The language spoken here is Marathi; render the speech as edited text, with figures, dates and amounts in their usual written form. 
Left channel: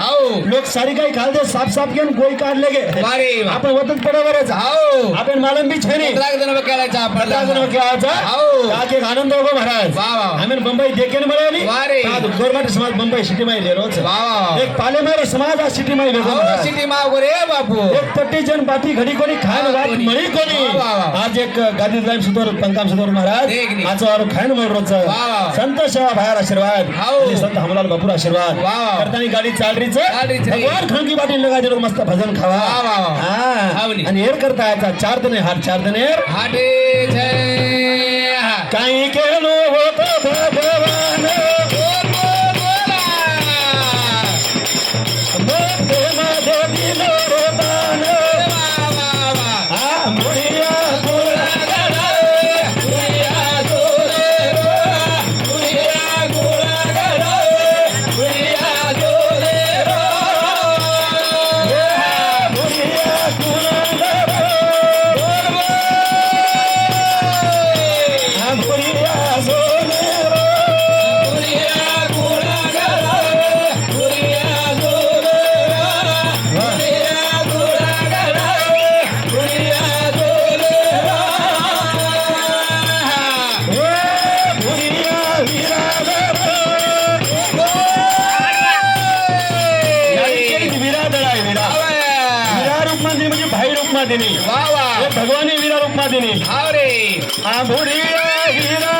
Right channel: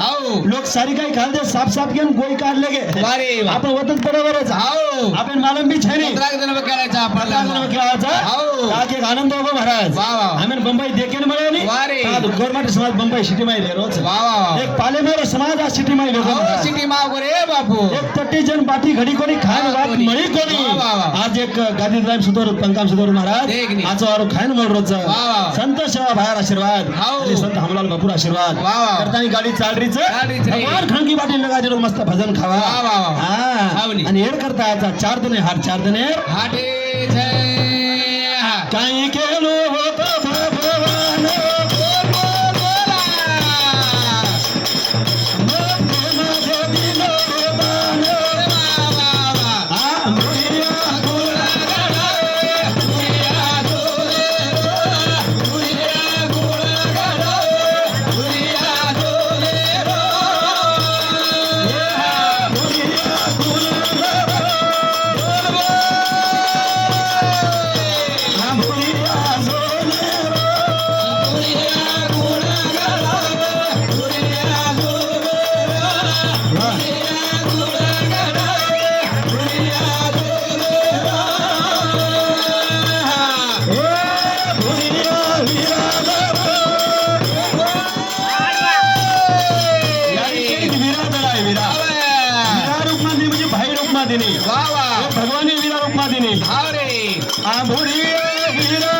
हाव लोक सारी काही खाल दे साफ साफ केम गोई काढले गे अरे वा आपण वतन बरोबरच हाव आपण मालम भी छे नहीं लाख जन केलाचा पचास जन क्या आजा हाव ताकि आनंद होगो महाराज वाह वाह हमें बंबई देखे न बड़ा नहीं वारे गवर्नमेंट समाज बंबई सिटी में ले रोज वाह वाह एक पाले मारे समाज आ सिटी में ले हाव सिटी माव रे बापू एक तट्टी जन बाटी घडी कोणी खान रात मळी कोणी वाह, वाह. आज एक गादी ड्राइव सुतोर पंकाम सुतोर महाराज देख नी. आज और खान मोड रोज वाह, वाह. संत सेवा बाहेर आशीर्वाद हाव. आणि संत हमलाल बापूर आशीर्वाद वाह, वाह. करतानी गाडी चालरीच चालरीच रे. भगवान खणकी बाटी लगा दे मस्त भजन खावा वाह, वाह, वाह. हा हाव नी. आणि हेर करता याचा 4 दिन हार 4 दिन हाटे जय काही केलो होतो भगवान मोठे माझे दिलो रे दान आ मुरिया वाह वाह भगवानी वीरा रूप मा दिनी हाव रे आ मुरिया वीरा